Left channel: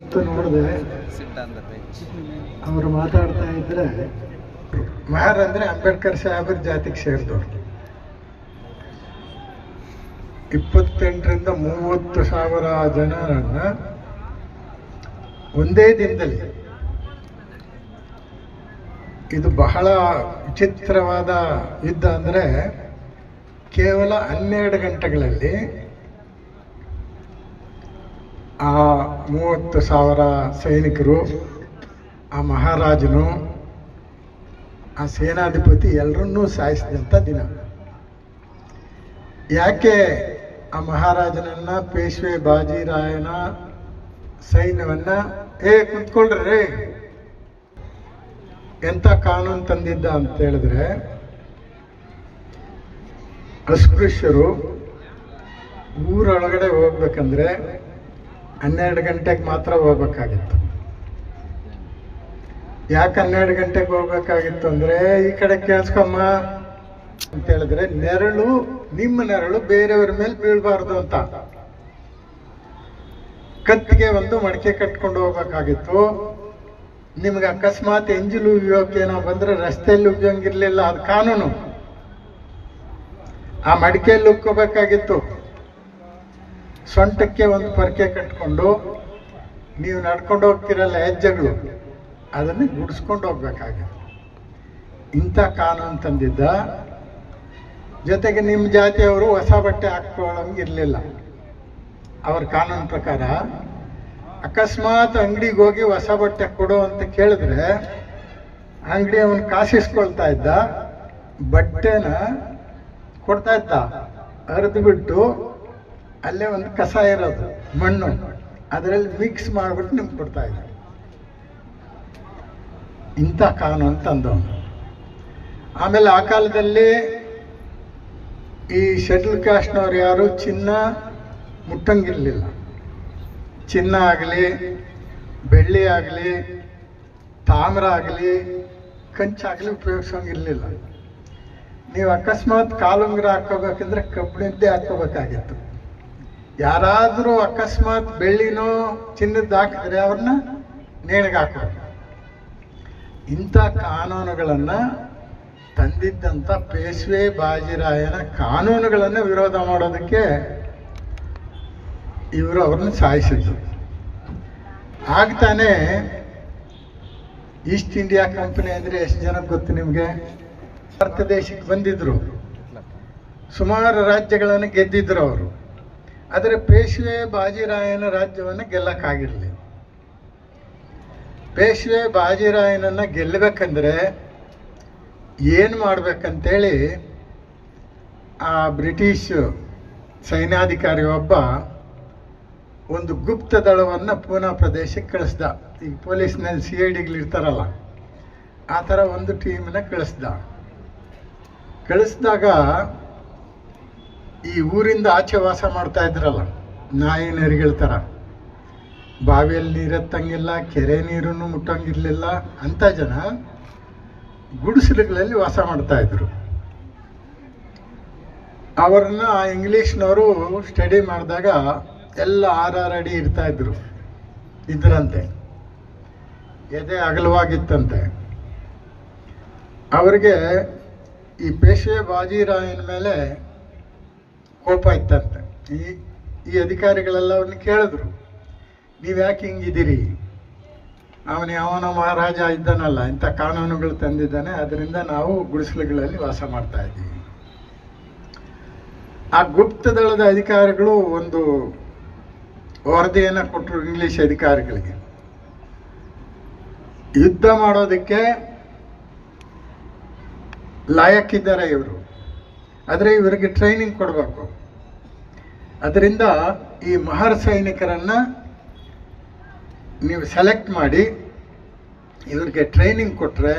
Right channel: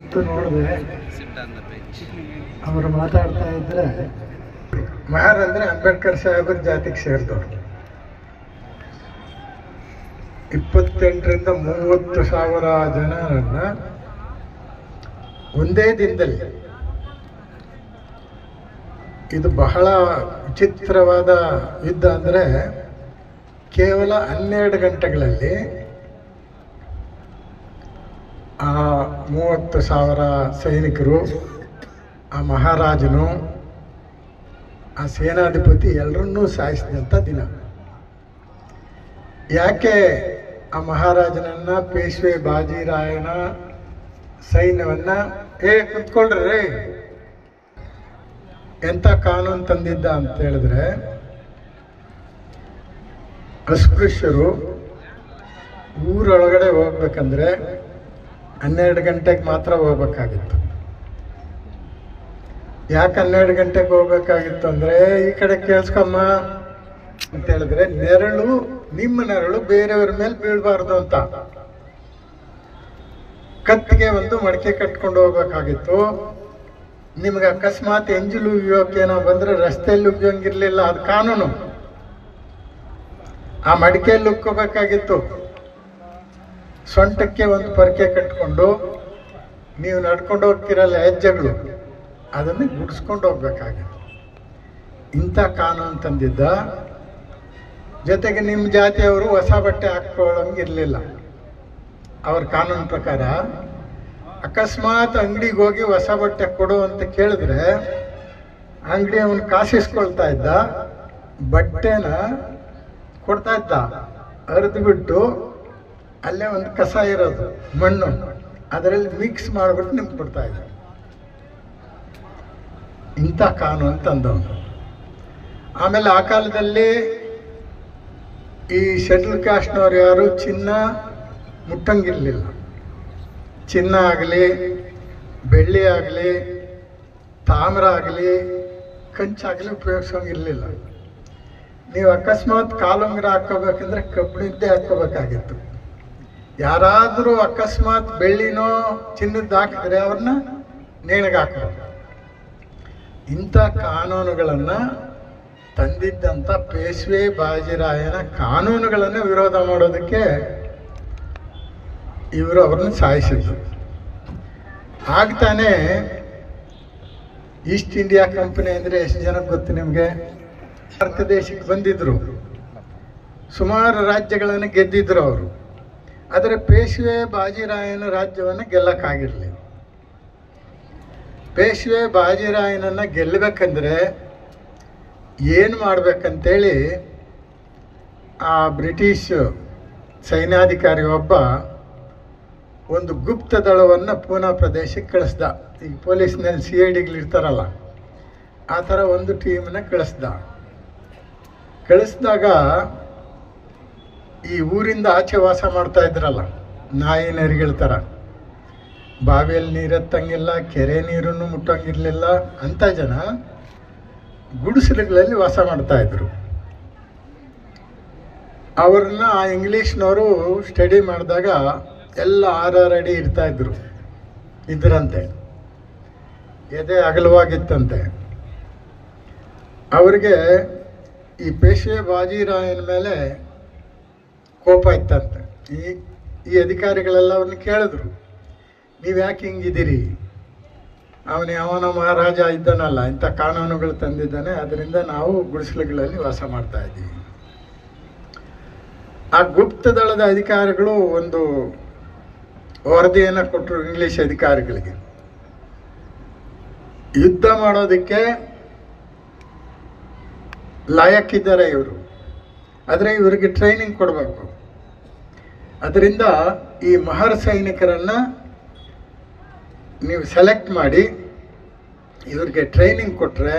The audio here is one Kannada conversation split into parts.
ನೋಡಿದೆ ಅವರು ಮಾತಾಡ್ತಾ ಇದ್ರೆ ಮಹಾರ್ ಅಂದ್ರೆ ಅಂಬೇಡ್ಕರ್ ಸಾಹೇಬ್ರ ಜಾತಿಗೆ ಸೇರಿದವರು. ಇಪ್ಪತ್ತೆಂಟರಿಂದ ಮೂವತ್ತು ಸಾವಿರ ಜನರನ್ನ ಒಂದೇ ದಿನದಲ್ಲಿ ಇದು ಬಹಳ ವಿಚಿತ್ರವಾದ ಯುದ್ಧ ಅಂದರೆ ಕೇವಲ ಹನ್ನೆರಡು ಗಂಟೆಗಳಲ್ಲಿ ಆ ಮೂವತ್ತು ಸಾವಿರ ಸೈನಿಕರು, ಆ ಮಹಾರಾಜನು, ಆ ಸೇನಾಧಿಪತಿ ಎಲ್ಲರನ್ನೂ ಸಾಯಿಸಿದಂಥ ದಿನ. ಯಾಕೆ ಆ ಮಹಾರಾಜನನ್ನು ಪೇಶ್ವೆ ಬಾಜಿರಾಯನ ಸೈನ್ಯವನ್ನು, ಏ ಕುತ್ಕೊಳ್ರಿ ಎಂಥ ಕಾನೂನು ತಂದಿದ್ದ? ಅಂತ ಹೇಳಿದ್ರೆ, ಅಸ್ಪೃಶ್ಯರು ಊರೊಳಗಡೆ ಹೋಗ್ಬೇಕಂದ್ರೆ ಹನ್ನೆರಡು ಗಂಟೆಗೆ ಮಾತ್ರ ಹೋಗ್ಬೇಕಾಗಿತ್ತು. ಯಾಕೆ ಹನ್ನೆರಡು ಗಂಟೆಗೆ ಹೋಗ್ಬೇಕಾಗಿತ್ತು ಅಂದ್ರೆ, ಈ ಕಡೆ ಕೇಳಿಸ್ಕೊಮ್ಮ ಅಂತ ಹೇಳಿದ್ರೆ, ನೆರಳು, ನಿಮ್ಮ ನೆರಳು ಬೇರೆಯವ್ರ ಮೇಲೆ ಬೀಳಬಾರ್ದು ಅಂತ. ಕತ್ತಿಗೆ ಒಂದು ಮಡಕೆ ಕಟ್ಕೊಂಡು ಹೋಗ್ಬೇಕಾಗಿತ್ತು. ನಿಮ್ಗೆ ಅಕಸ್ಮಾತ್ ಎಂಜಲು ಉಗಿಯೋಕೇನೋ ಬಂದ್ರೆ ರಸ್ತೆಯಲ್ಲಿ ಉಗಿಯೋಂಗಿರ್ಲಿಲ್ಲ ಅದು ಕಾನೂನು. ಆ ಮಡಿಕೆಯಲ್ಲಿ ಉಕ್ಕೋಬೇಕಾಗಿತ್ತು. ಸೊಂಟಕ್ಕೆ ಒಂದು ಪರಕೆ ಕಟ್ಕೊಂಡು ನೀವು ನಡ್ಕೊಂಡು ಹೋಗ್ತಿರಲ್ಲ ಹೆಜ್ಜೆಗಳು, ಅದನ್ನು ಗುಡಿಸ್ಕೊಂಡು ಹೋಗ್ಬೇಕಾಗಿತ್ತು ಇಂಥ ಕಾನೂನು ತಂದಿದ್ದ. ಜೊತೆಗೆ ನಿಮ್ಮ ಜಾತಿಯವರು ಹೊಸ ಬಟ್ಟೆ ಹಾಕ್ಕೊಳ್ಳಂಗಿರಲಿಲ್ಲ. ಅವ್ರ ಕಾನೂನು ಪ್ರಕಾರ ಅಕಸ್ಮಾತ್ ಅಂಗಡಿಗೆ ಹೋಗಿ ಹೊಸ ಬಟ್ಟೆ ಕೊಡು ಅಂತ ಕೇಳಿದ್ರೆ, ಅಂಗಡಿ ಅವನು ಕಾಸಿಸ್ಕೊಳ್ತಾ ಇದ್ದ, ಬಟ್ಟೆನ ಕೊಡ್ತಾ ಇದ್ದ ಅರೆದು ಬಿಟ್ಟು ಅಲ್ಲೇ ಒಂದು ಕಸ ಇರೋದು, ಮಣ್ಣು. ಅದರಲ್ಲಿ ಮಿಕ್ಸ್ ಮಾಡಿಬಿಟ್ಟು ನಿಮ್ಗೆ ಕೊಡ್ತಾ ಇದ್ದೆ ಇಂಥ ಕಾನೂನು ತಂದವನು. ಆಮೇಲೆ ಆ ಕಾಲದಲ್ಲಿ ಈ ಶೆಡ್ಯೂಲ್ ಕಾಸ್ಟ್ನವ್ರು ಯಾರು? ಚಿನ್ನ ಮುಟ್ಟಂಗಿರಲಿಲ್ಲ. ಚಿನ್ನ ಆಗಲಿ, ಬೆಳ್ಳಿ ಆಗಲಿ, ತಾಮ್ರ ಆಗಲಿ ಕಂಚಾಗಲಿ ಉಪಯೋಗ್ಸೋಂಗಿರಲಿಲ್ಲ ನೀವು ಅಕಸ್ಮಾತ್ ಕಾಲುಂಗುರ ಹಾಕೋಬೇಕಂದ್ರೆ ಕಬ್ಬಿಣದ್ದೇ ಹಾಕೋಬೇಕಾಗಿತ್ತು ಯಾರಾದರೂ ಅಕಸ್ಮಾತ್ ಬೆಳ್ಳಿನೋ ಚಿನ್ನದ್ದು ಹಾಕಿದ್ರೆ ಅವ್ರನ್ನ ನೇಣಿಗೆ ಇಂಥ ಕಾನೂನುಗಳನ್ನು ತಂದಿದ್ದಂಥ ಪೇಶ್ವೆ ಬಾಜಿರಾಯನ ಕಾನೂನುಗಳನ್ನು ವಿರೋಧ ಮಾಡೋದಕ್ಕೆ ಇವರು ಅವ್ರನ್ನ ಸಾಯಿಸಿದ್ರು. ಆಗ್ತಾನೆ ಈಸ್ಟ್ ಇಂಡಿಯಾ ಕಂಪನಿ ಅಂದರೆ ಎಷ್ಟು ಜನಕ್ಕೆ ಗೊತ್ತು ನಿಮಗೆ? ಭಾರತ ದೇಶಕ್ಕೆ ಬಂದಿದ್ರು. ಸುಮಾರು ರಾಜ್ಯಗಳನ್ನು ಗೆದ್ದಿದ್ರು ಅವರು. ಆದರೆ ಪೇಶ್ವೆ ಬಾಜಿರಾಯನ ರಾಜ್ಯವನ್ನು ಗೆಲ್ಲಕ್ಕಾಗಿರಲಿ. ಪೇಶ್ವೆ ಬಾಜಿರಾಯನನ್ನು ಗೆಲ್ಲಬೇಕಂದ್ರೆ ಏನು ಮಾಡ್ಬೇಕಂತೇಳಿ ಆ ಬ್ರಿಟಿಷ್ ಸೈನ್ಯಾಧಿಕಾರಿ ಒಬ್ಬ ಒಂದು ಗುಪ್ತ ದಳವನ್ನು ಪೂನಾ ಪ್ರದೇಶಕ್ಕೆ ಕಳಿಸ್ದ. ಈಗ ಪೊಲೀಸ್ನಲ್ಲಿ ಸಿ ಐ ಡಿಗಳು ಇರ್ತಾರಲ್ಲ, ಆ ಥರ ಒಂದು ಟೀಮನ್ನು ಕಳಿಸ್ದ. ಕಳಿಸಿದಾಗ ಈ ಊರಿಂದ ಆಚೆ ವಾಸ ಮಾಡ್ತಾ ಇದ್ರಲ್ಲ, ನಾಯಿ ನರಿಗಳ ಥರ ಬಾವಿಯಲ್ಲಿ ನೀರು ಎತ್ತಂಗಿಲ್ಲ ಕೆರೆ ನೀರನ್ನು ಮುಟ್ಟಂಗಿರ್ಲಿಲ್ಲ ಅಂಥ ಜನ ಗುಡಿಸಲುಗಳಲ್ಲಿ ವಾಸ ಮಾಡ್ತಾ ಇದ್ರು. ಅವ್ರನ್ನ ಆ ಇಂಗ್ಲೀಷ್ನವರು ಸ್ಟಡಿ ಮಾಡಿದಾಗ ಎಲ್ಲ ಆರಾರು ಅಡಿ ಇರ್ತಾಯಿದ್ರು ಇದ್ರಂತೆ. ಎದೆ ಅಗಲವಾಗಿತ್ತಂತೆ. ಅವರಿಗೆ ಈ ಪೇಶ್ವೆ ಬಾಜಿರಾಯನ ಮೇಲೆ ಕೋಪ ಇತ್ತಂತೆ. ಈ ಈ ಅಧಿಕಾರಿಗಳೆಲ್ಲ ಅವ್ರನ್ನ ಕೇಳಿದ್ರು, ನೀವು ಯಾಕೆ ಹಿಂಗಿದ್ದೀರಿ? ಅವನು, ಅವನ ಮಹಾರಾಜ ಇದ್ದಾನಲ್ಲ, ಇಂಥ ಕಾನೂನುಗಳು ತಂದಿದ್ದಾನೆ ಅದರಿಂದ ನಾವು ಗುಡಿಸಲುಗಳಲ್ಲಿ ವಾಸ ಮಾಡ್ತಾ ಇದ್ದೀವಿ. ಆ ಗುಪ್ತ ದಳದ ಅಧಿಕಾರಿಗಳು ಒಂದು ವರದಿಯನ್ನು ಕೊಟ್ಟರು ಇಂಗ್ಲಿಷ್ ಅಧಿಕಾರಿಗಳಿಗೆ. ಯುದ್ಧ ಮಾಡೋದಕ್ಕೆ ಲಾಯಕ್ಕಿದ್ದಾರೆ ಇವರು. ಆದರೆ ಇವರಿಗೆ ಟ್ರೈನಿಂಗ್ ಕೊಡಬೇಕು. ಅದರಿಂದ ಈ ಮಹರ್ ಸೈನಿಕರನ್ನು ನೀವು ಸೆಲೆಕ್ಟ್ ಮಾಡಿ, ಇವ್ರಿಗೆ ಟ್ರೈನಿಂಗ್ ಕೊಟ್ಟರೆ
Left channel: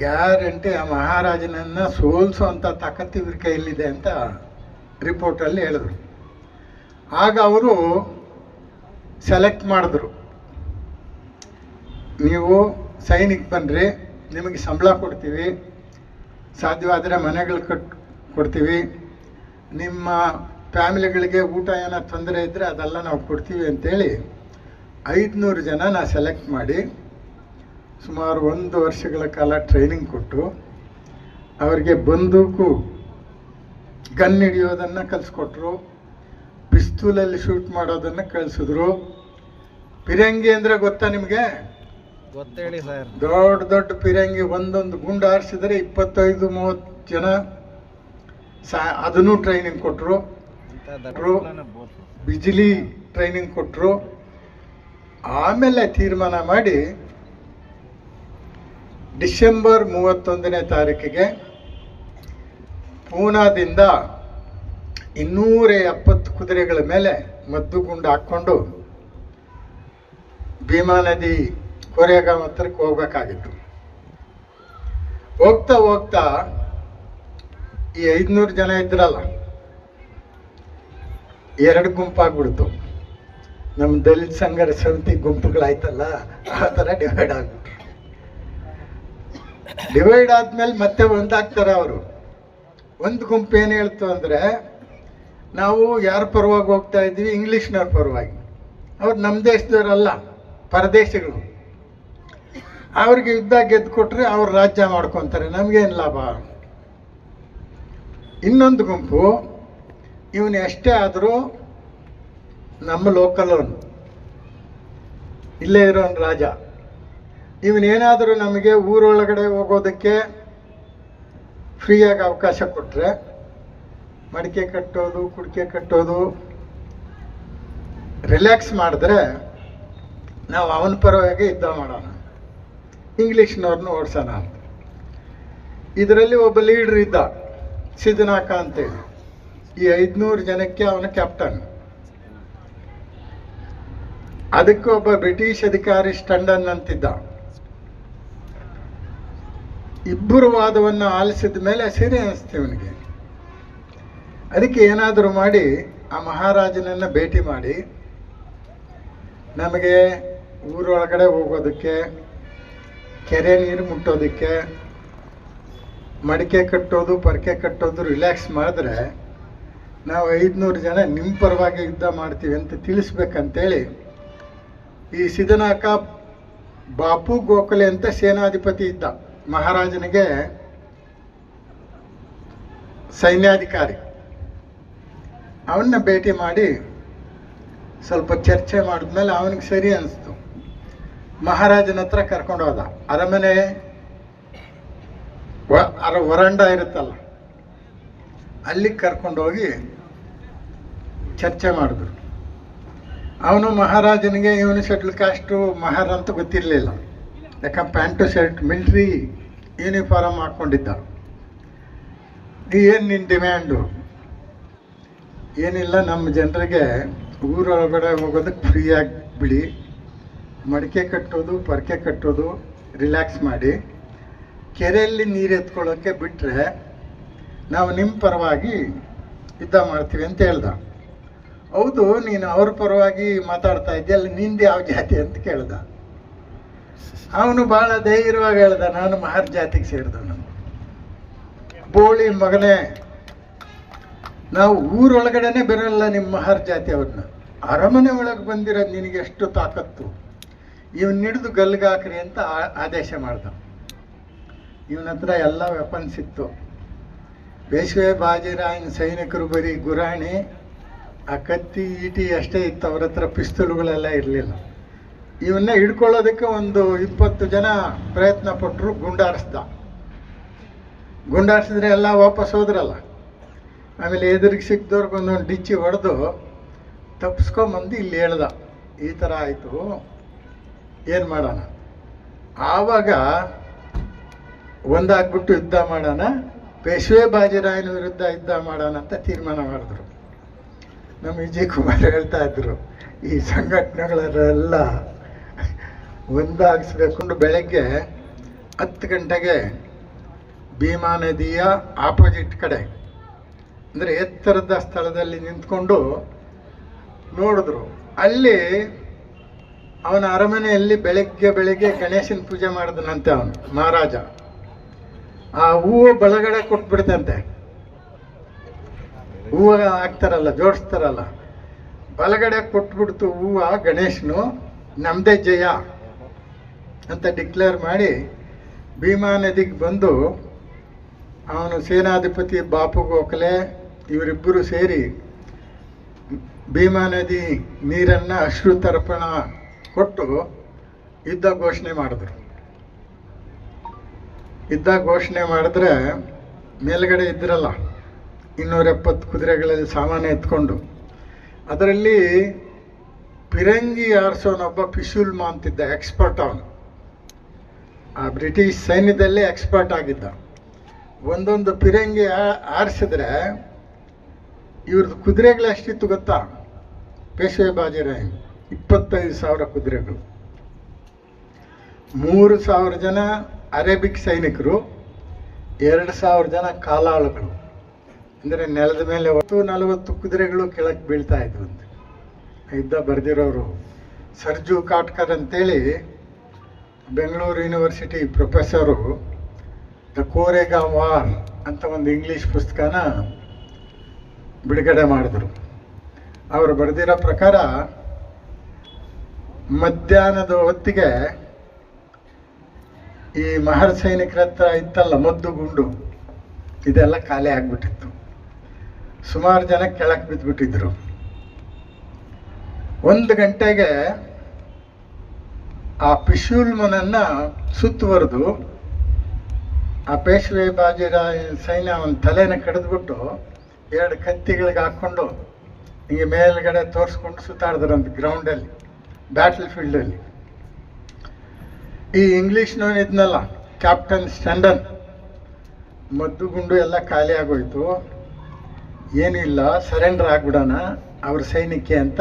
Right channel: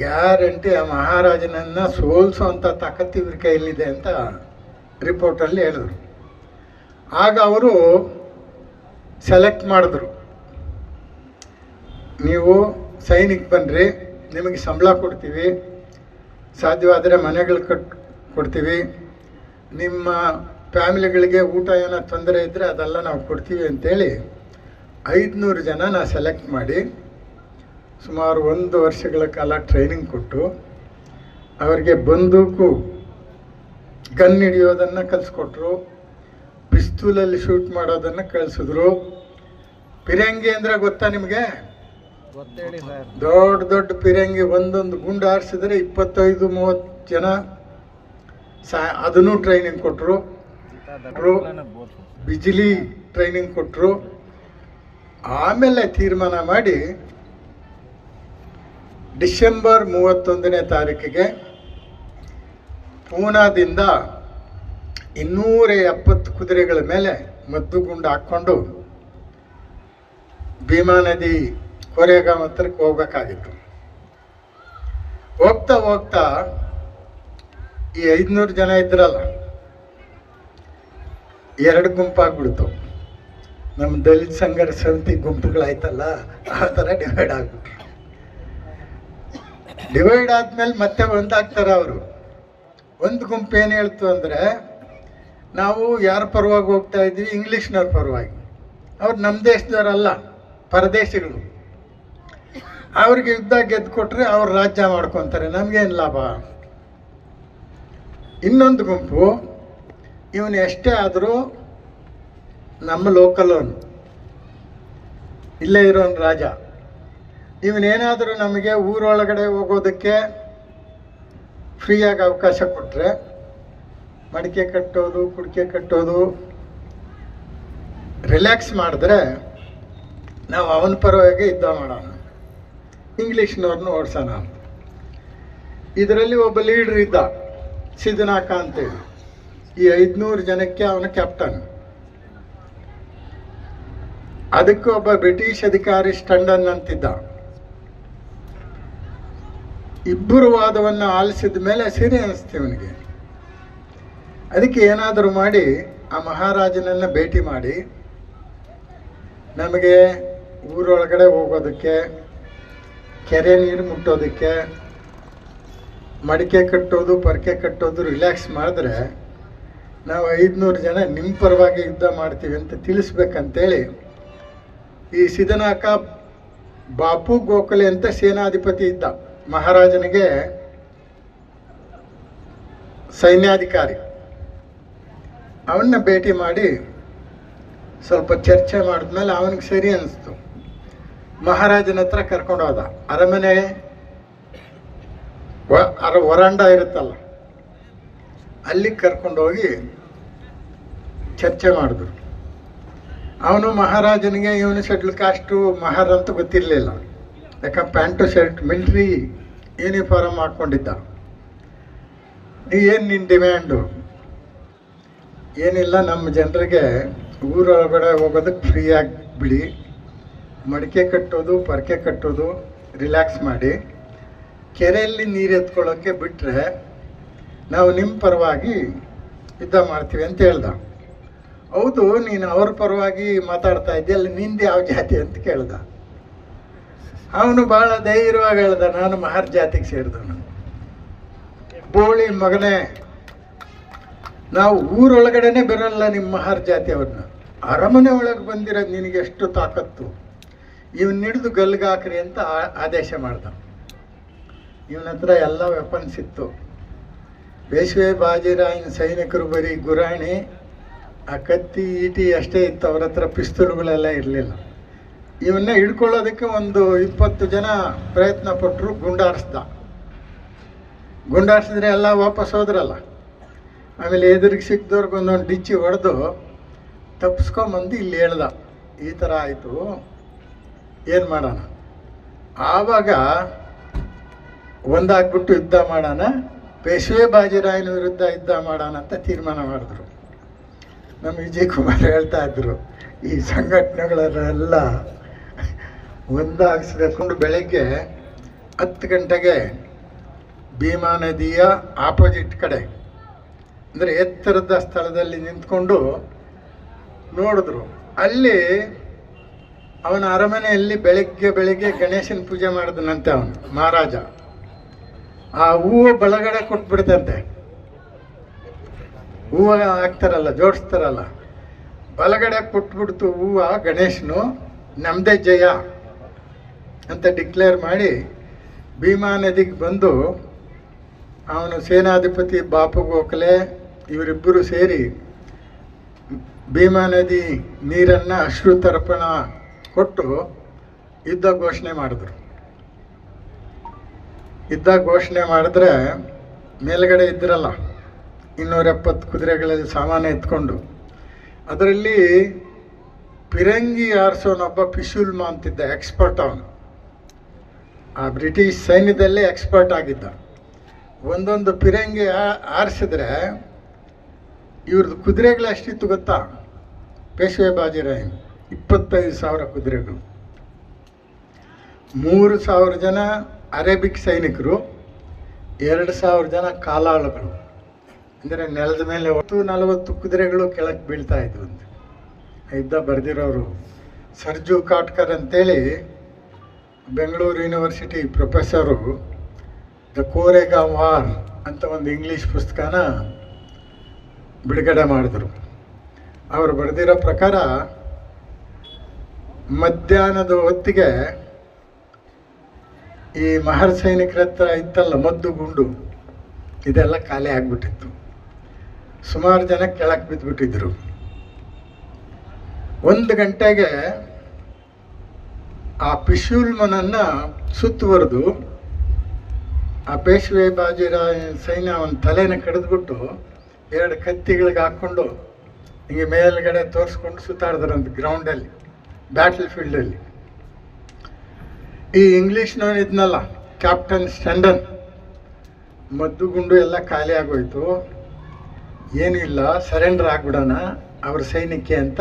ಗ್ಯಾರಂಟಿ ಆ ಮಹಾರಾಜನನ್ನು ಸೋಲಿಸುವಂಥ ತಾಕತ್ತು ಇವ್ರ ಕೈಯಲ್ಲಿದೆ ಅಂತ ರಿಪೋರ್ಟಲ್ಲಿ ಹೇಳಿದ್ರು. ಆಗ ಅವರು ಸೆಲೆಕ್ಟ್ ಮಾಡಿದ್ರು. ನೀವು ಸೈನಿಕ್ ಬನ್ನಿರಿ ನಿಮಗೆ ಸಂಬಳ ಕೊಡ್ತೀವಿ, ಸಾಧ್ಯವಾದರೆ ಮನೆಗಳು ಕಟ್ ಕೊಡ್ತೀವಿ, ನಿಮ್ಮ ಫ್ಯಾಮಿಲಿಗಳಿಗೆ ಊಟ ಏನೋ ತೊಂದರೆ ಇದ್ದರೆ ಅದೆಲ್ಲ ನಾವು ಕೊಡ್ತೀವಿ ಅಂತೇಳಿ ಐದುನೂರು ಜನ ನಾ ಸೆಲೆಕ್ಟ್ ಮಾಡಿ ಸುಮಾರು ಒಂದು ವರ್ಷಗಳ ಕಾಲ ಟ್ರೈನಿಂಗ್ ಕೊಟ್ಟು ಅವರಿಗೆ ಬಂದೂಕು ಗನ್ ಹಿಡಿಯೋದನ್ನು ಕಲಿಸ್ಕೊಟ್ರು ಪಿಸ್ತೂಲಲ್ಲಿ ಶೂಟ್ ಮಾಡೋದನ್ನು ಕಳಿಸಿದ್ರು ಪಿರಂಗಿ ಅಂದರೆ ಗೊತ್ತಾ ನಿಮಗೆ? ದೊಡ್ಡ ದೊಡ್ಡ ಪಿರಂಗಿ ಒಂದೊಂದು ಗುಂಡು ಆರಿಸಿದ್ರೆ ಇಪ್ಪತ್ತೈದು ಮೂವತ್ತು ಜನ ಸಾ ಅದನ್ನು ಟ್ರೈನಿಂಗ್ ಕೊಟ್ಟರು ಬಿಜಿಲಿ ಟ್ರೈನಿಂಗ್ ಕೊಟ್ಟರು ಆಮೇಲೆ ತೀರ್ಮಾನ ಮಾಡಿ ಡಿಸೆಂಬರ್ ಮೂವತ್ತೊಂದನೇ ತಾರೀಕಿಗೆ ಪೂನಾದಿಂದ ಇನ್ನೂರ ಎಪ್ಪತ್ತು ಕುದುರೆಗಳ ಮೇಲೆ ಮದ್ದು ಗುಂಡು ಹಾಕ್ಕೊಂಡು ಭೀಮಾ ನದಿ ಕೊರೆಗಾಂವ್ ಹತ್ರಕ್ಕೆ ಹೋಗ್ಬೇಕಾಗಿತ್ತು. ಹೋಗ್ತಾ ಹೋಗ್ತಾ ಈ ಐದುನೂರು ಜನ ಇದ್ರಲ್ಲ ಎರಡು ಗುಂಪಾಗ್ಬಿಡ್ತು. ನಮ್ಮ ದಲಿತ ಸಂಘರ ಸಮಿತಿ ಗುಂಪುಗಳಾಯ್ತಲ್ಲ, ಆ ಥರ ಡಿವೈಡ್ ಆಗ್ಬಿಟ್ರು. ಡಿವೈಡ್ ಆದ್ಮೇಲೆ ಮತ್ತೆ ಒಂದಾಗ್ತಾರೆ ಅವರು. ಒಂದು ಗುಂಪು ಏನು ಹೇಳ್ತು ಅಂದರೆ, ನಾವು ಯಾರ ಪರವಾಗಿ ಹೋಗ್ತಾ ಇದ್ವಿ ಇಂಗ್ಲೀಷ್ನವ್ರ ಪರವಾಗಿ. ಅವ್ರು ನಮ್ಮ ದೇಶದವರಲ್ಲ, ಪರದೇಶಿಗಳು. ಅವ್ರಿಗೆ ಯುದ್ಧ ಗೆದ್ದು ಕೊಟ್ರೆ ಅವ್ರು ರಾಜ್ಯ ಮಾಡ್ಕೊತಾರೆ. ನಮಗೇನು ಲಾಭ? ಇನ್ನೊಂದು ಗುಂಪು ಇವನು ಎಷ್ಟೇ ಆದರೂ ನಮ್ಮ ಲೋಕಲ್ ಅವನು ಇಲ್ಲೇ ಇರೋನ್ ರಾಜ. ಇವನೇನಾದರೂ ನಮಗೆ ಊರೊಳಗಡೆ ಹೋಗೋದಕ್ಕೆ ಫ್ರೀಯಾಗಿ ಅವಕಾಶ ಕೊಟ್ಟರೆ ಮಡಿಕೆ ಕಟ್ಟೋದು, ಕುಡಿಕೆ ಕಟ್ಟೋದು ರಿಲ್ಯಾಕ್ಸ್ ಮಾಡಿದ್ರೆ ನಾವು ಅವನ ಪರವಾಗಿ ಯುದ್ಧ ಮಾಡೋಣ. ಇಂಗ್ಲೀಷ್ನವ್ರನ್ನ ಓಡಿಸೋಣ ಅಂತ. ಇದರಲ್ಲಿ ಒಬ್ಬ ಲೀಡ್ರ್ ಇದ್ದ ಸಿದ್ದನಾಕ ಅಂತೇಳಿ. ಈ ಐದುನೂರು ಜನಕ್ಕೆ ಅವನ ಕ್ಯಾಪ್ಟನ್ ಅದಕ್ಕೆ ಒಬ್ಬ ಬ್ರಿಟಿಷ್ ಅಧಿಕಾರಿ ಸ್ಟಂಡನ್ ಅಂತಿದ್ದ ಇಬ್ಬರು ವಾದವನ್ನು ಆಲಿಸಿದ ಮೇಲೆ ಸರಿ ಅನಿಸ್ತು ಅವನಿಗೆ ಅದಕ್ಕೆ ಏನಾದರೂ ಮಾಡಿ ಆ ಮಹಾರಾಜನನ್ನು ಭೇಟಿ ಮಾಡಿ. ನಮಗೆ ಊರೊಳಗಡೆ ಹೋಗೋದಕ್ಕೆ, ಕೆರೆ ನೀರು ಮುಟ್ಟೋದಕ್ಕೆ, ಮಡಿಕೆ ಕಟ್ಟೋದು, ಪರಕೆ ಕಟ್ಟೋದು ರಿಲ್ಯಾಕ್ಸ್ ಮಾಡಿದ್ರೆ ನಾವು ಐದುನೂರು ಜನ ನಿಮ್ಮ ಪರವಾಗಿ ಯುದ್ಧ ಮಾಡ್ತೀವಿ ಅಂತ ತಿಳಿಸ್ಬೇಕಂತೇಳಿ ಈ ಸಿದ್ದನಾಕ ಬಾಪು ಗೋಖಲೆ ಅಂತ ಸೇನಾಧಿಪತಿ ಇದ್ದ. ಮಹಾರಾಜನಿಗೆ ಸೈನ್ಯಾಧಿಕಾರಿ. ಅವನ್ನ ಭೇಟಿ ಮಾಡಿ ಸ್ವಲ್ಪ ಚರ್ಚೆ ಮಾಡಿದ್ಮೇಲೆ ಅವನಿಗೆ ಸರಿ ಅನಿಸ್ತು. ಮಹಾರಾಜನ ಹತ್ರ ಕರ್ಕೊಂಡು ಹೋದ. ಅರಮನೆ ಅರ ವರಂಡ ಇರುತ್ತಲ್ಲ. ಅಲ್ಲಿಗೆ ಕರ್ಕೊಂಡು ಹೋಗಿ ಚರ್ಚೆ ಮಾಡಿದ್ರು. ಅವನು ಮಹಾರಾಜನಿಗೆ, ಇವನು ಶಟ್ಲ್ ಕಾಸ್ಟು ಮಹಾರ ಅಂತ ಗೊತ್ತಿರಲಿಲ್ಲ. ಯಾಕಂದ್ರೆ ಪ್ಯಾಂಟು ಶರ್ಟ್, ಮಿಲ್ಟ್ರಿ ಯೂನಿಫಾರ್ಮ್ ಹಾಕ್ಕೊಂಡಿದ್ದ. ಏನು ನಿನ್ನ ಡಿಮ್ಯಾಂಡು? ಏನಿಲ್ಲ, ನಮ್ಮ ಜನರಿಗೆ ಊರೊಳಗಡೆ ಹೋಗೋದಕ್ಕೆ ಫ್ರೀಯಾಗಿ ಬಿಡಿ ಮಡಿಕೆ ಕಟ್ಟೋದು, ಪರಕೆ ಕಟ್ಟೋದು ರಿಲ್ಯಾಕ್ಸ್ ಮಾಡಿ. ಕೆರೆಯಲ್ಲಿ ನೀರು ಎತ್ಕೊಳ್ಳೋಕ್ಕೆ ಬಿಟ್ಟರೆ ನಾವು ನಿಮ್ಮ ಪರವಾಗಿ ಯುದ್ಧ ಮಾಡ್ತೀವಿ ಅಂತ ಹೇಳ್ದ. ಹೌದು, ನೀನು ಅವ್ರ ಪರವಾಗಿ ಮಾತಾಡ್ತಾ ಇದ್ದೀಯಲ್ಲ ನಿಂದು ಯಾವ ಜಾತಿ ಅಂತ ಕೇಳ್ದ. ಅವನು ಭಾಳ ಧೈರ್ಯವಾಗಿ ಹೇಳ್ದ, ನಾನು ಮಹಾರ್ ಜಾತಿಗೆ ಸೇರಿದವನು. ಬೋಳಿ ಮಗನೇ, ನಾವು ಊರೊಳಗಡೆನೆ ಬರಲ್ಲ ನಿಮ್ಮ ಮಹಾರ್ ಜಾತಿ ಅವ್ರನ್ನ. ಅರಮನೆ ಒಳಗೆ ಬಂದಿರೋದು ನಿನಗೆ ಎಷ್ಟು ತಾಕತ್ತು? ಇವನ್ ಹಿಡಿದು ಗಲ್ಗಾಕ್ರಿ ಅಂತ ಆದೇಶ ಮಾಡ್ದ. ಇವನ ಹತ್ರ ಎಲ್ಲ ವೆಪನ್ಸ್ ಇತ್ತು. ಬೇಶ್ವೆ ಬಾಜಿರಾಯನ ಸೈನಿಕರು ಬರೀ ಗುರಾಣಿ, ಆ ಕತ್ತಿ ಈಟಿ ಅಷ್ಟೇ ಇತ್ತು, ಅವ್ರ ಹತ್ರ ಪಿಸ್ತೂಲ್ಗಳೆಲ್ಲ ಇರಲಿಲ್ಲ. ಇವನ್ನ ಹಿಡ್ಕೊಳ್ಳೋದಕ್ಕೆ ಒಂದು ಇಪ್ಪತ್ತು ಜನ ಪ್ರಯತ್ನ ಪಟ್ಟರು ಗುಂಡಾರಿಸ್ದ. ಗುಂಡಾರಿಸಿದ್ರೆ ಎಲ್ಲ ವಾಪಸ್ ಹೋದ್ರಲ್ಲ. ಆಮೇಲೆ ಎದುರಿಗೆ ಸಿಕ್ಕಿದವ್ರಿಗೊಂದೊಂದು ಡಿಚ್ಚಿ ಹೊಡೆದು ತಪ್ಪಿಸ್ಕೊಂಬಂದು ಇಲ್ಲಿ ಹೇಳ್ದ. ಈ ಥರ ಆಯಿತು, ಏನು ಮಾಡೋಣ? ಆವಾಗ ಒಂದಾಗ್ಬಿಟ್ಟು ಯುದ್ಧ ಮಾಡೋಣ ಪೇಶ್ವೆ ಬಾಜಿರಾಯನ ವಿರುದ್ಧ ಯುದ್ಧ ಮಾಡೋಣ ಅಂತ ತೀರ್ಮಾನ ಮಾಡಿದ್ರು. ನಮ್ಮ ವಿಜಯ್ ಕುಮಾರ್ ಹೇಳ್ತಾ ಇದ್ರು, ಈ ಸಂಘಟನೆಗಳೆಲ್ಲ ಒಂದಾಗಿಸ್ಬೇಕು ಬೆಳಗ್ಗೆ ಹತ್ತು ಗಂಟೆಗೆ ಭೀಮಾ ನದಿಯ ಆಪೋಸಿಟ್ ಕಡೆ, ಅಂದರೆ ಎತ್ತರದ ಸ್ಥಳದಲ್ಲಿ ನಿಂತ್ಕೊಂಡು ನೋಡಿದ್ರು. ಅಲ್ಲಿ ಅವನ ಅರಮನೆಯಲ್ಲಿ ಬೆಳಗ್ಗೆ ಬೆಳಗ್ಗೆ ಗಣೇಶನ ಪೂಜೆ ಮಾಡಿದನಂತೆ ಅವನು, ಮಹಾರಾಜ. ಆ ಹೂವು ಬೆಳಗಡೆ ಕೊಟ್ಬಿಡ್ತಂತೆ. ಹೂವು ಹಾಕ್ತಾರಲ್ಲ, ಜೋಡಿಸ್ತಾರಲ್ಲ. ಬಲಗಡೆ ಕೊಟ್ಬಿಡ್ತು ಹೂವು ಗಣೇಶನು ನಮ್ಮದೇ ಜಯ ಅಂತ ಡಿಕ್ಲೇರ್ ಮಾಡಿ ಭೀಮಾ ನದಿಗೆ ಬಂದು ಅವನು ಸೇನಾಧಿಪತಿ ಬಾಪು ಗೋಖಲೆ, ಇವರಿಬ್ಬರು ಸೇರಿ ಭೀಮಾ ನದಿ ನೀರನ್ನು ಅಶ್ರುತರ್ಪಣ ಕೊಟ್ಟು ಯುದ್ಧ ಘೋಷಣೆ ಮಾಡಿದ್ರು. ಯುದ್ಧ ಘೋಷಣೆ ಮಾಡಿದ್ರೆ ಮೇಲುಗಡೆ ಇದ್ದಿರಲ್ಲ ಇನ್ನೂರ ಎಪ್ಪತ್ತು ಕುದುರೆಗಳಲ್ಲಿ ಸಾಮಾನು ಎತ್ಕೊಂಡು. ಅದರಲ್ಲಿ ಪಿರಂಗಿ ಆರಿಸೋನೊಬ್ಬ ಪಿಶುಲ್ಮ ಅಂತಿದ್ದ ಎಕ್ಸ್ಪರ್ಟ್ ಅವನು. ಆ ಬ್ರಿಟಿಷ್ ಸೈನ್ಯದಲ್ಲೇ ಎಕ್ಸ್ಪರ್ಟ್ ಆಗಿದ್ದ. ಒಂದೊಂದು ಪಿರಂಗಿ ಆರಿಸಿದ್ರೆ ಇವ್ರದ್ದು ಕುದುರೆಗಳು ಎಷ್ಟಿತ್ತು ಗೊತ್ತಾ? ಪೇಶ್ವೆ ಬಾಜಿರಾಯ್ ಇಪ್ಪತ್ತೈದು ಸಾವಿರ ಕುದುರೆಗಳು. ಮೂರು ಸಾವಿರ ಜನ ಅರೇಬಿಕ್ ಸೈನಿಕರು ಎರಡು ಸಾವಿರ ಜನ ಕಾಲಾಳುಗಳು, ಅಂದರೆ ನೆಲದ ಮೇಲೆ ಒಟ್ಟು ನಲವತ್ತು ಕುದುರೆಗಳು ಕೆಳಕ್ಕೆ ಬೀಳ್ತಾ ಇದ್ವು ಅಂತ ಇದ್ದ ಬರೆದಿರೋರು ಸರ್ಜು ಕಾಟ್ಕರ್ ಅಂತೇಳಿ Bengaluru university professor the Koregaon war ಅಂತ ಒಂದು ಇಂಗ್ಲೀಷ್ ಪುಸ್ತಕನ ಬಿಡುಗಡೆ ಮಾಡಿದ್ರು. ಅವರು ಬರೆದಿರೋ ಪ್ರಕಾರ ಮಧ್ಯಾಹ್ನದ ಹೊತ್ತಿಗೆ ಈ ಮಹರ್ ಸೈನಿಕರ ಹತ್ರ ಇತ್ತಲ್ಲ ಮದ್ದು ಗುಂಡು, ಇದೆಲ್ಲ ಖಾಲಿ ಆಗ್ಬಿಟ್ಟಿತ್ತು. ಸುಮಾರು ಜನ ಕೆಳಗೆ ಬಿದ್ದುಬಿಟ್ಟಿದ್ರು ಒಂದು ಗಂಟೆಗೆ ಆ ಪಿಶೂಲ್ಮನನ್ನು ಸುತ್ತುವರೆದು ಆ ಪೇಶ್ವೆ ಬಾಜಿರಾವ್ ಸೈನ್ಯ ಅವನ ತಲೆನ ಕಡಿದ್ಬಿಟ್ಟು ಎರಡು ಕತ್ತಿಗಳಿಗೆ ಹಾಕ್ಕೊಂಡು ಹಿಂಗೆ ಮೇಲ್ಗಡೆ ತೋರಿಸ್ಕೊಂಡು ಸುತ್ತಾಡಿದ್ರು ಅಂತ ಗ್ರೌಂಡಲ್ಲಿ ಬ್ಯಾಟಲ್ ಫೀಲ್ಡಲ್ಲಿ ಈ ಇಂಗ್ಲೀಷ್ನವನು ಇದ್ನಲ್ಲ ಕ್ಯಾಪ್ಟನ್ ಸ್ಟಂಡನ್ ಮದ್ದು ಗುಂಡು ಎಲ್ಲ ಖಾಲಿ ಆಗೋಯ್ತು. ಏನಿಲ್ಲ ಸರೆಂಡರ್ ಆಗ್ಬಿಡೋಣ, ಅವ್ರ ಸೈನ್ಯಕ್ಕೆ ಅಂತ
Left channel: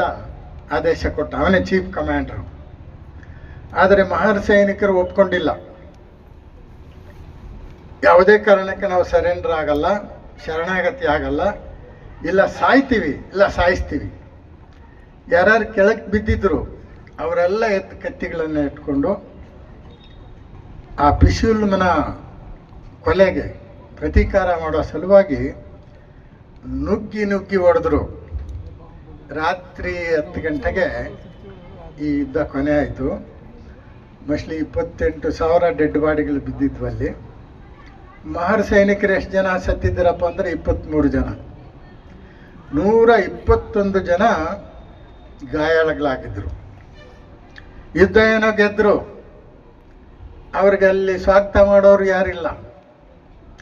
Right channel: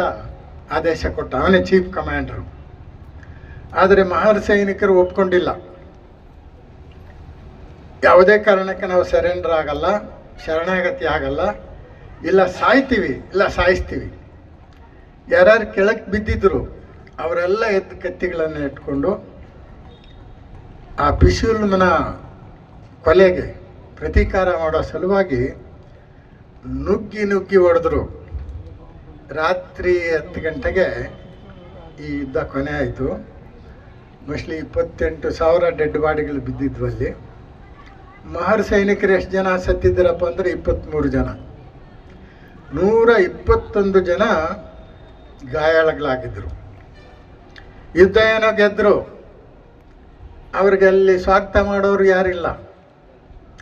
ಆದೇಶ ಕೊಟ್ಟ. ಅವನೇ ಚೀಫ್ ಕಮಾಂಡರ್ ಆದರೆ ಮಹಾರ್ ಸೈನಿಕರು ಒಪ್ಕೊಂಡಿಲ್ಲ. ಯಾವುದೇ ಕಾರಣಕ್ಕೆ ನಾವು ಸರೆಂಡರ್ ಆಗಲ್ಲ, ಶರಣಾಗತಿ ಆಗಲ್ಲ. ಇಲ್ಲ, ಸಾಯ್ತೀವಿ, ಇಲ್ಲ, ಸಾಯಿಸ್ತೀವಿ. ಯಾರ್ಯಾರು ಕೆಳಕ್ಕೆ ಬಿದ್ದಿದ್ರು, ಅವರೆಲ್ಲ ಎದ್ದು ಕತ್ತಿಗಳನ್ನು ಇಟ್ಕೊಂಡು ಆ ಪಿಶುಲ್ಮನ ಕೊಲೆಗೆ ಪ್ರತೀಕಾರ ಮಾಡೋ ಸಲುವಾಗಿ ನುಗ್ಗಿ ನುಗ್ಗಿ ಹೊಡೆದ್ರು. ರಾತ್ರಿ ಹತ್ತು ಗಂಟೆಗೆ ಈ ಯುದ್ಧ ಕೊನೆ ಆಯಿತು. ಮೋಸ್ಟ್ಲಿ ಇಪ್ಪತ್ತೆಂಟು ಸಾವಿರ ಡೆಡ್ ಬಾಡಿಗಳು ಬಿದ್ದಿದ್ವು ಅಲ್ಲಿ. ಮಹರ್ ಸೈನಿಕರು ಎಷ್ಟು ಜನ ಸತ್ತಿದ್ದರಪ್ಪ ಅಂದರೆ ಇಪ್ಪತ್ತ್ಮೂರು ಜನ. ನೂರ ಇಪ್ಪತ್ತೊಂದು ಜನ ಗಾಯಾಳಗಳಾಗಿದ್ದರು ಯುದ್ಧ ಏನೋ ಗೆದ್ದರು ಅವ್ರಿಗೆ ಅಲ್ಲಿ ಸ್ವಾಗತ ಮಾಡೋರು ಯಾರಿಲ್ಲ.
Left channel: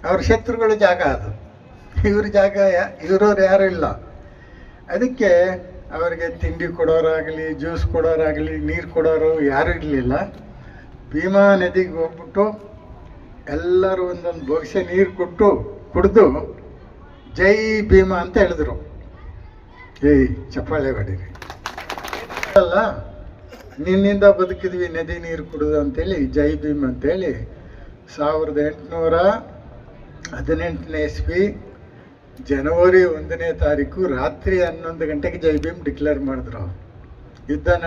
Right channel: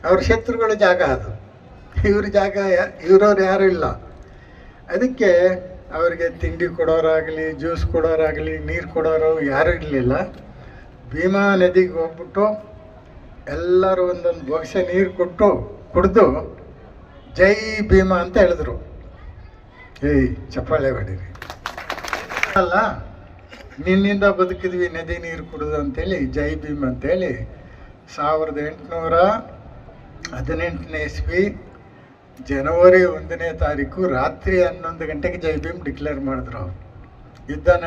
ಅವ್ರ ಶತ್ರುಗಳ ಜಾಗ ಅದು. ಇವ್ರ ಜಾಗ ಇವ್ರವ್ರು ಯಾರೂ ಇಲ್ಲ ಅದಕ್ಕೆ ಅವರಿಗೆ ತಿಂಡಿ ಕೊಡೋರಾಗಲಿ, ಜ್ಯೂಸ್ ಕೊಡೋರಾಗಲಿ, ನೀರು ಕೊಡೋರು ಯಾರು ಇರಲಿಲ್ಲ. ಭೀಮಾ ನದಿಗೆ ಹೋಗ್ಬಿಟ್ಟು ಎಲ್ಲರೂ ಒಂದೊಂದು ಭವಿಷ್ಯ ನೀರು ಕೊಟ್ಟು ಕುಡಿದು ಜೈ ಭೀಮಾ ಅಂತ ಹೇಳಿದ್ರು. ಏಯ್, ಚಪ್ಪಾಳೆ ಹೊಡೀರಿ. ಅಲ್ಲ ನಿನ್ನಿಂದ ಬದುಕಿದ್ವಿ, ನದಿ ನೀರು ಕುಡಿದು ಅಂತೇಳಿ, ಜೈ ಭೀಮ್ ಅಂತೇಳಿ. ಸಾವಿರದ ಎಂಟುನೂರ ಹದಿನೆಂಟನೇ ಇಸ್ವಿ ಜನವರಿ ಒಂದನೇ ತಾರೀಕು ರಾತ್ರಿ ಹನ್ನೊಂದು ಗಂಟೆಗೆ ಜೈ ಭೀಮ್ ಡಿಕ್ಲೇರ್ ಮಾಡಿದ್ರು ಅವರು. ಯುದ್ಧನ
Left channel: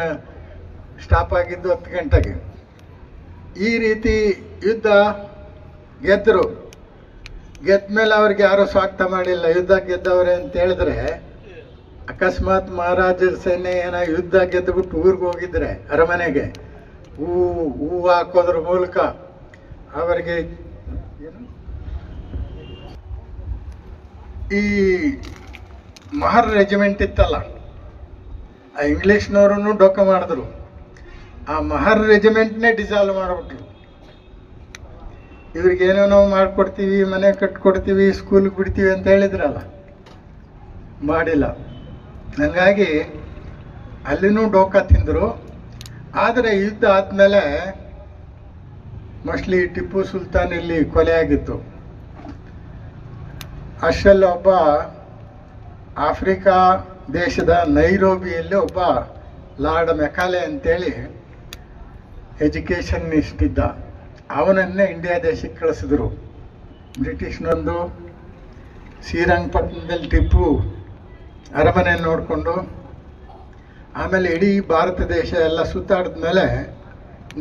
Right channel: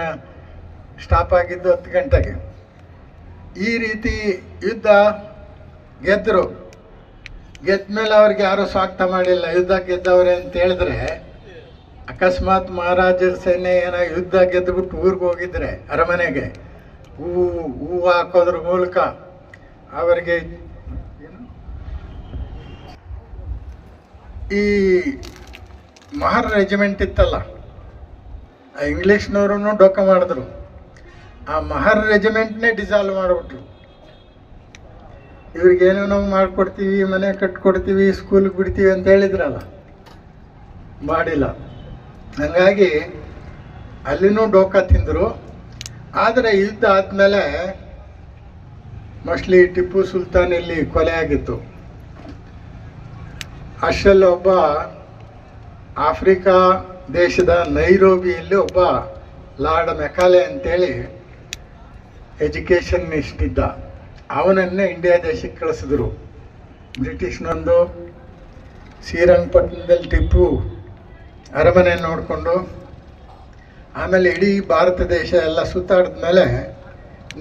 ಸ್ಟಾಪ್ ಆಗಿದ್ದು ಹತ್ತು ಗಂಟೆಗೆ. ಈ ರೀತಿ ಯುದ್ಧ ಗೆದ್ದರು ಗೆದ್ದ ಮೇಲೆ ಅವ್ರಿಗೆ ಯಾರೂ ಸ್ವಾಗತ ಮಾಡಿಲ್ಲ. ಯುದ್ಧ ಗೆದ್ದವ್ರೆ ಅಂತ ಹೇಳಿದ್ರೆ ಅಕಸ್ಮಾತ್ ಮಹಾರಾಜರ ಸೇನೆ ಏನೋ ಯುದ್ಧ ಗೆದ್ದುಬಿಟ್ಟು ಊರಿಗೆ ಹೋಗಿದ್ರೆ ಅರಮನೆಗೆ, ಹೂ ಹೂವು ಹಾಕೋದ್ರ ಮೂಲಕ ಅವರಿಗೆ? ಈ ಮಹರ್ ರೆಜಿಮೆಂಟ್ ಇತ್ತಲ್ಲ, ಆ ಇಂಗ್ಲೀಷ್ನವ್ರೂ ಡೊಕ್ಕ ಮಾಡಿದ್ರು. ಆ ಮಹರ್ ರೆಜಿಮೆಂಟ್ನೇ ಡಿಸಾಲ್ವ್ ಮಾಡಿಬಿಟ್ರು. ಇವ್ರಿಗೇನೋ ನಾವು ಮಾಡ್ಕೊಡ್ತೀವಿ, ಮನೆ ಕಟ್ಕೊಡ್ತೀವಿ, ಸ್ಕೂಲ್ಗೆ ಬಿಡ್ತೀವಿ ಅಂತ ಹೇಳಿದ್ರಲ್ಲ, ಮಾಡಿಲ್ಲ. ಹಂಗಾಗಿ ಅಲ್ಲಿನೂ ಡೋಕ ತಿಂದರು. ಆದರೆ ಯುದ್ಧ ಆದಮೇಲೆ ಮೋಸ್ಟ್ಲಿ ಟಿಪ್ಪು ಸುಲ್ತಾನ್ ಇಲ್ಲಿ ಕೊಲೆಯಾಗಿತ್ತು ಅಷ್ಟರಲ್ಲಿ ಒಬ್ಬ ಆಫ್ರಿಕಾ ದೇಶದ ನೈರೋಬಿಯಲ್ಲಿ ಒಬ್ಬ ಲಾರ್ಡ್ ಮೆಕಾಲೆ ಅಂತೇಳಿ ಎಜುಕೇಷನಿಸ್ಟ್ ಇದ್ದ. ಅವನನ್ನೇ ಇಂಡಿಯಾ ದೇಶಕ್ಕೆ ಕಳಿಸಿದ್ರು. ಬ್ರಿಟಿಷ್ನೊಂದು ಶ್ರೀರಂಗಪಟ್ಟಣದಲ್ಲಿ ಟಿಪ್ಪು ಅರಮನೆ ನೋಡಿಕೊಂಡು, ಆಮೇಲೆ ಇಡೀ ಭಾರತ ದೇಶ ಎಲ್ಲ ಸುತ್ತಾಡಿದ ಮೇಲೆ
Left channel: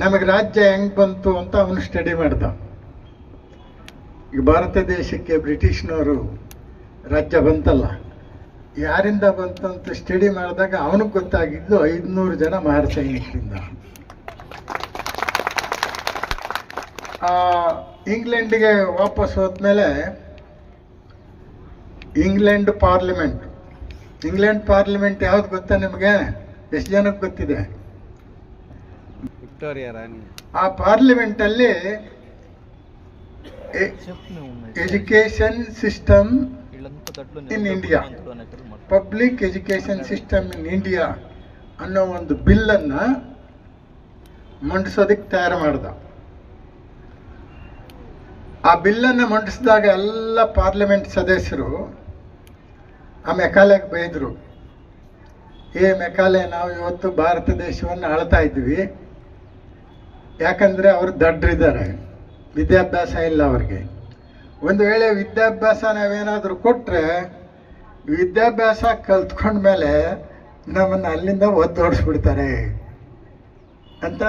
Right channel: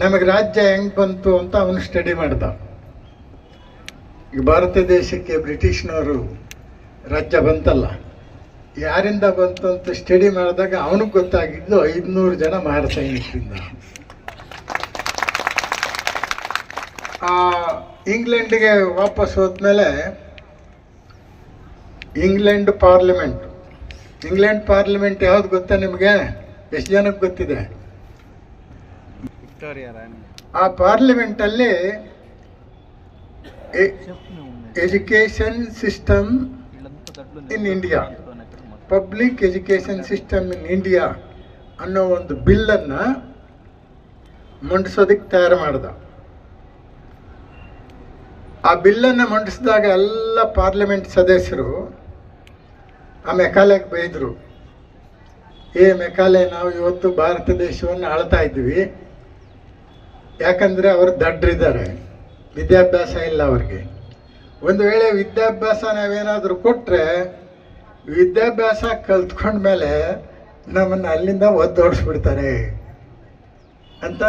ನಮಗೆ ರಾಜ್ಯ ಹೆಂಗೆ ಬಂತು ಅಂತ ಅವನು ಸ್ಟಡಿ ಮಾಡ್ದ. ಈ ಭಾರತ ದೇಶಕ್ಕೆ ಬ್ರಿಟಿಷ್ನವರು ರಾಜ್ಯ ಬಂತಲ್ಲ, ಯಾರಿಂದ ಬಂತು ಅಂತ ಸ್ಟಡಿ ಮಾಡಿದಾಗ ಅವನಿಗೆ ಗೊತ್ತಾಗಿದ್ದು ಐದುನೂರು ಜನ ಮಹಾರ ಸೈನಿಕರಿಂದ. ಇಂಗ್ಲೆಂಡಿಗೆ ವಾಪಸ್ ಹೋದ್ಮೇಲೆ ಇಂಗ್ಲೆಂಡ್ ಪಾರ್ಲಿಮೆಂಟ್ ಇಂಗ್ಲೆಂಡ್ ಪಾರ್ಲಿಮೆಂಟ್ ಯಾವ್ದು ಗೊತ್ತಾ ನಿಮಗೆ? ಎಷ್ಟು ಜನಕ್ಕೆ ಗೊತ್ತಿದೆ? ವಿಕ್ಟೋರಿಯಾ ರಾಣಿ. ಆ ಪಾರ್ಲಿಮೆಂಟಲ್ಲಿ education system in India. Public education system in India ಅನ್ನೋ ಒಂದು ಬಿಲ್ಲನ್ನು ಮಂಡಿಸೋದಕ್ಕೆ ತಯಾರು ಮಾಡ್ದ. ಆ ಬಿಲ್ಲನ್ನು ಮಂಡಿಸಿದಾಗ ಎಲ್ಲ ಪಾರ್ಲಿಮೆಂಟ್ ಸದಸ್ಯರು ಆ ಮೆಕಾಲೆಗೆ ಬೈದರು. ಏ ಮೆಕಾಲೆ, ನಾವು ಇವತ್ತು ಭಾರತ ದೇಶವನ್ನು ಆಳ್ತಾ ಇದ್ವಿ ಯಾಕಂದರೆ ಅವರು ದಡ್ರಿದ್ದಾರೆ. ವಿದ್ಯಾಭ್ಯಾಸ ಇಲ್ಲ ಅವ್ರಿಗೆ. ಒಂದು ವೇಳೆ ವಿದ್ಯಾಭ್ಯಾಸ ನಾವೇನಾದರೂ ಕೊಟ್ಟರೆ ವಿದ್ಯಾಭ್ಯಾಸ ಕಲ್ತ್ಕೊಂಡ್ಮೇಲೆ ನಮ್ಮನ್ನು ಅಲ್ಲಿಂದ ಒದ್ದೋಡಿಸ್ಬಿಡ್ತಾರೆ ಅಂತ